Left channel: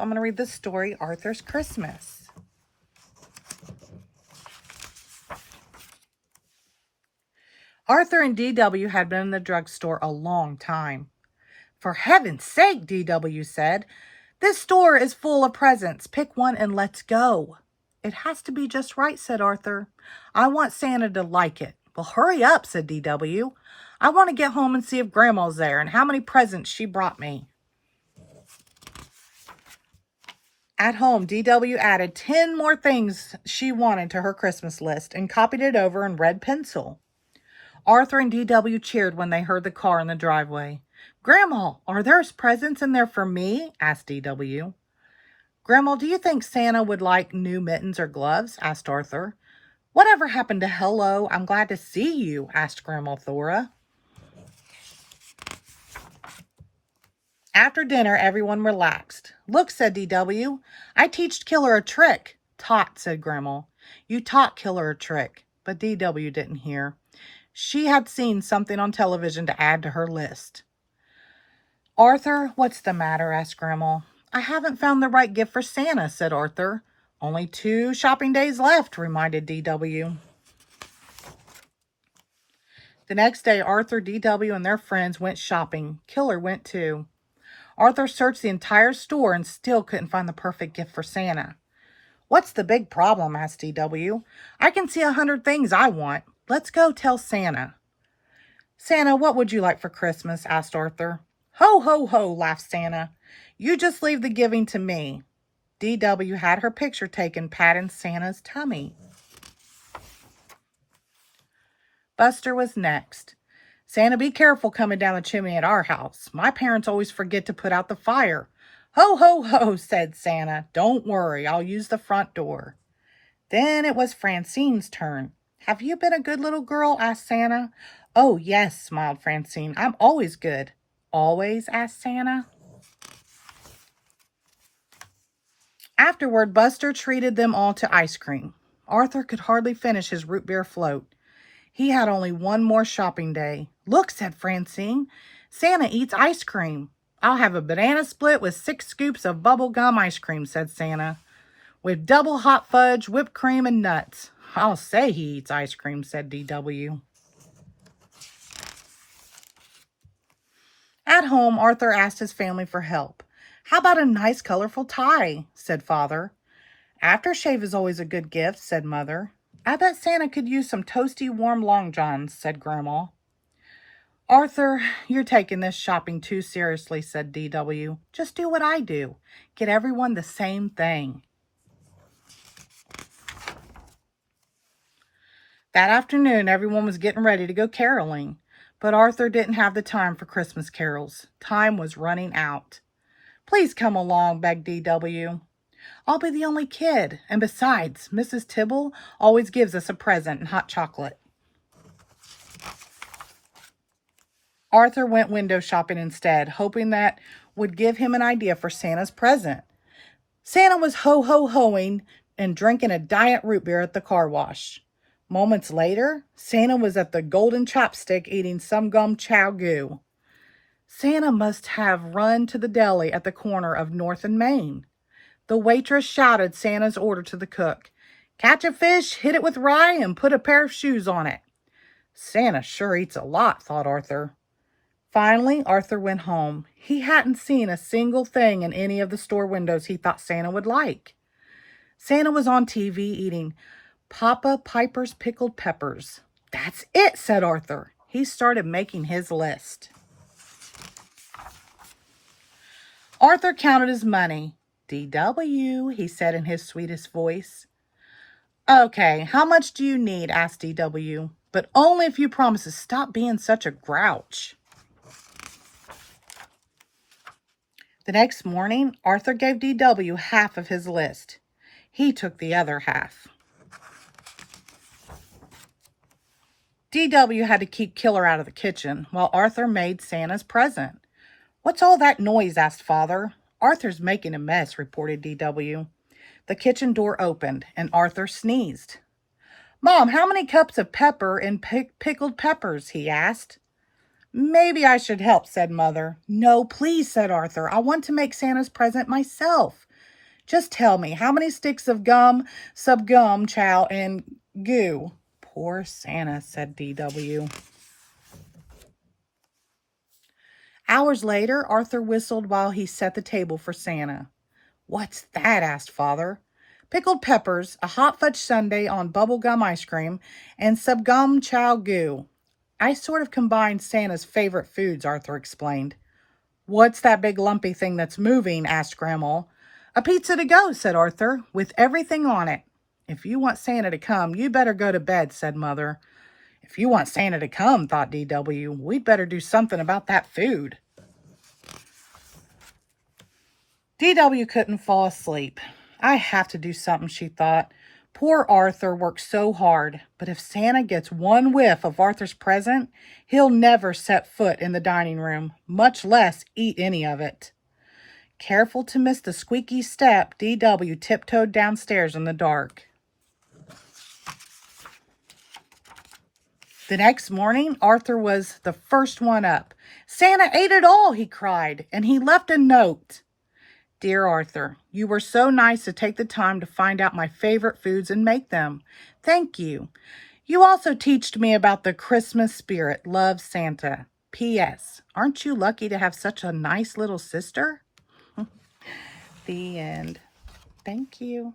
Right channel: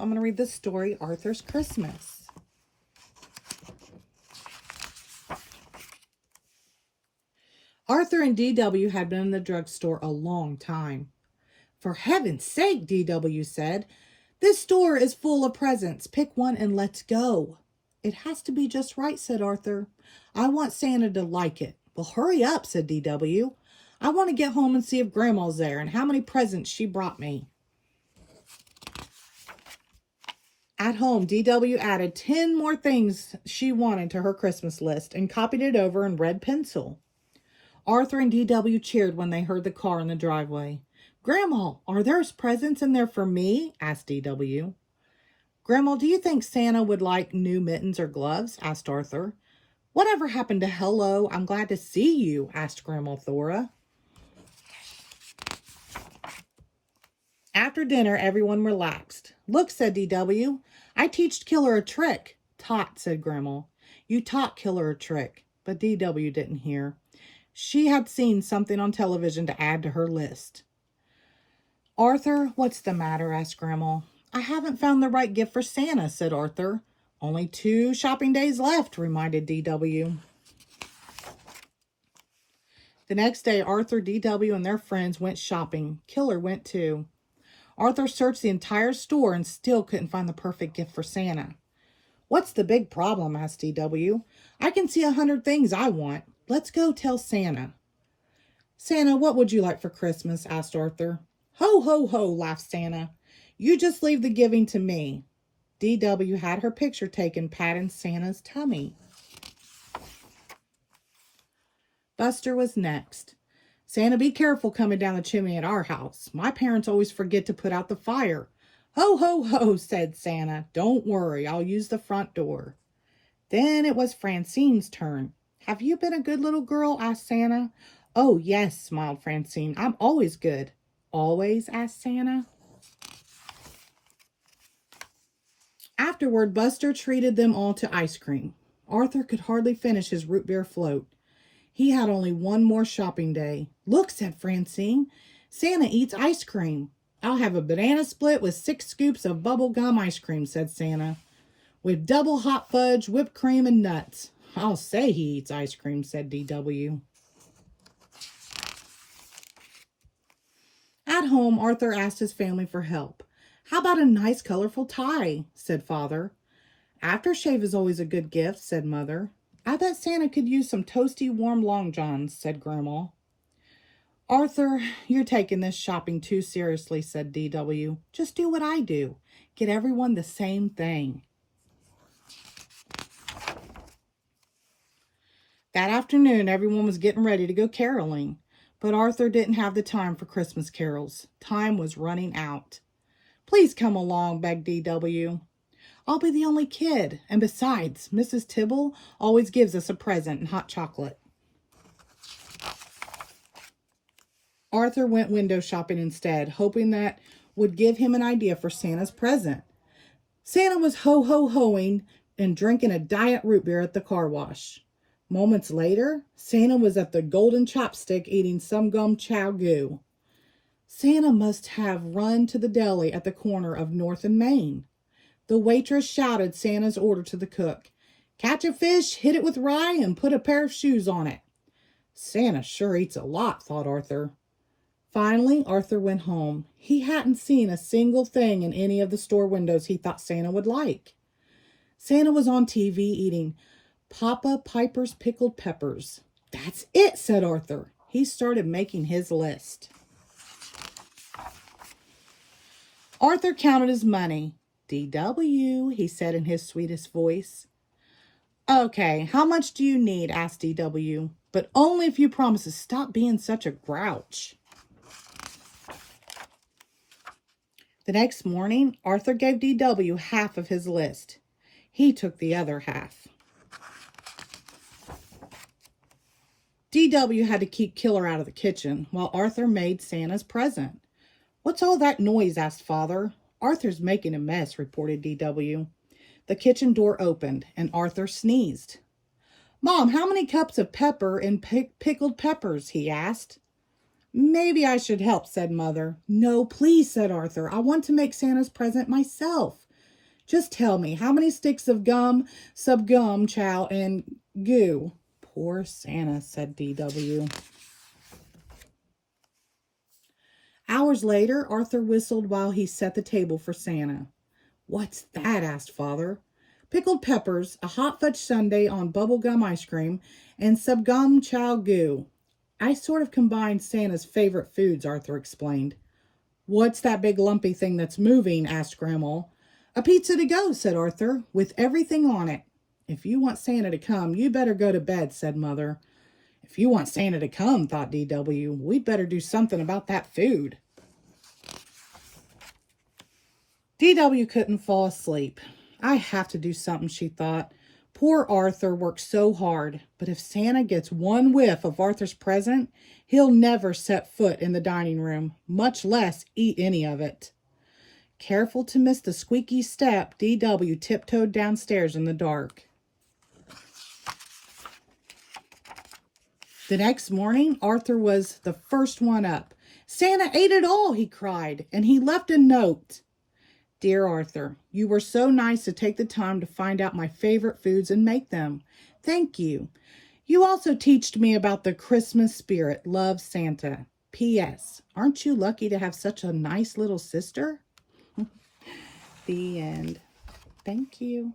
I'm going to read the story, Arthur's Christmas. Arthur and D.W. had been in the drugstore a long time. "For heaven's sake," D.W. said, "this store is full of presents. Pick one and let's go." "It has to be just right," said Arthur. "I want Santa to like it." "Well, hurry up," said D.W. "I want to get home and see if Grandma's there and how many presents she brought me." At home, D.W. added 10 more things she wanted to her Christmas list and copied it over in red pencil. Arthur and D.W. cheered when they heard the car in the driveway. "Grandma, are there presents in there for me?" asked D.W. "Grandma, do you think Santa would like new mittens or gloves?" asked Arthur. "Whatever happened to hello, I'm glad to see you?" asked Grandma Thora. After dinner, everyone relaxed. "Look," said D.W., "I teached Killer a trick." "Taught," said Grandma. "You taught Killer a trick." But D.W. didn't hear. She had seen something on television to add to her list. "Arthur, what's the matter?" asked Grandma. "I haven't found the right gift for Santa," said Arthur. "Only 2 shopping days left," reminded D.W. The next day, Arthur, D.W., and their friends went shopping. Killer went too. Arthur searched the entire store and still couldn't find the perfect gift for Santa. "What's the big problem?" asked D.W. "I can see 100 things I want. Let's go tell Santa." "Santa, what would you like for Christmas?" asked Arthur. "Ho, ho, ho," laughed Santa. "You just leave the giving to me." D.W. had her picture taken patting Santa's tummy. Buster was next. "Santa, be careful coming down the chimney at our house. My parents always forget to put out the fire." "Ho, ho, ho," said Santa. "Don't worry, I'll use the front door." Then it was Francine's turn. "Have you been a good little girl?" asked Santa. "Oh, yes," smiled Francine. "I'm always good." "Always?" asked Santa. Afterward, Buster treated them all to ice cream. Arthur could hardly finish his root beer float. He had only one more shopping day. "Look," said Francine. "Santa eats ice cream." "I'll have a banana split with 6 scoops of bubble gum ice cream," said Santa. "With double hot fudge, whipped cream, and nuts." "I'll say he eats ice cream," said D.W. At home, Arthur asked his family for help. "How about a nice, colorful tie?" said Father. "Aftershave is always a good gift," said Mother. "I bet Santa could use some toasty, warm long johns," said Grandma. "Arthur, you're taking this shopping too seriously," said D.W. "Just do what I do. Get everyone the same thing." That afternoon, everyone was getting ready to go caroling, but Arthur didn't have the time for Christmas carols. Time was running out. "Please come along," begged D.W. "I'll be the only kid, and besides, Mrs. Tibble always gives us a present and hot chocolate." Arthur went window shopping instead, hoping that would give him an idea for Santa's present. Santa was ho-ho-hoing and drinking a diet root beer at the car wash. Moments later, Santa was at the Golden Chopstick eating some gum chow goo. Santa must have run to the deli at the corner of North and Main. The waitress shouted Santa's order to the cook. "Catch a fish, hit it with rye, and put a pair of shoes on it." Santa sure eats a lot, thought Arthur. Finally, Arthur went home. He hadn't seen a single thing in any of the store windows he thought Santa would like. Santa was on TV eating Papa Piper's pickled peppers. "That's it," said Arthur. He started making his list. Arthur counted his money. "D.W.," he said in his sweetest voice. "Okay, how much do you need?" asked D.W. "But only if you promise to stop being such a grouch." The next morning, Arthur gave D.W. half of his list. He took the other half. D.W. had to keep Killer out of the kitchen while Arthur made Santa's present. "What's all that noise?" asked Father. "Arthur's making a mess," reported D.W. The kitchen door opened and Arthur sneezed. "Mom, how many cups of pepper and pickled peppers?" he asked. "Maybe I should help," said Mother. "No, please," said Arthur. "I want to make Santa's present myself. Just tell me, how many sticks of gum, subgum, chow, and goo? Poor Santa, said D.W. Hours later, Arthur whistled while he set the table for Santa. What's that? Asked Father. Pickled peppers, a hot fudge sundae on bubblegum ice cream, and subgum chow goo. I sort of combined Santa's favorite foods, Arthur explained. What's that big lumpy thing that's moving? Asked Grandma. A pizza to go, said Arthur, with everything on it. If you want Santa to come, you better go to bed, said Mother. If you want Santa to come, thought D.W., we'd better do something about that food. D.W. couldn't fall asleep. I have to do something, she thought. Poor Arthur worked so hard, but if Santa gets one whiff of Arthur's present, he'll never set foot in the dining room, much less eat any of it. Careful to miss the squeaky step, D.W. tiptoed downstairs in the dark. The next morning, Arthur was the first one up. Santa ate it all, he cried, and he left a note. Dear Arthur, you were so nice to take the time to find out my favorite foods and make them. Thank you. You also teached me about the Christmas spirit. Love, Santa. P.S. Aren't you lucky to have such a nice little sister? The end. Thank you.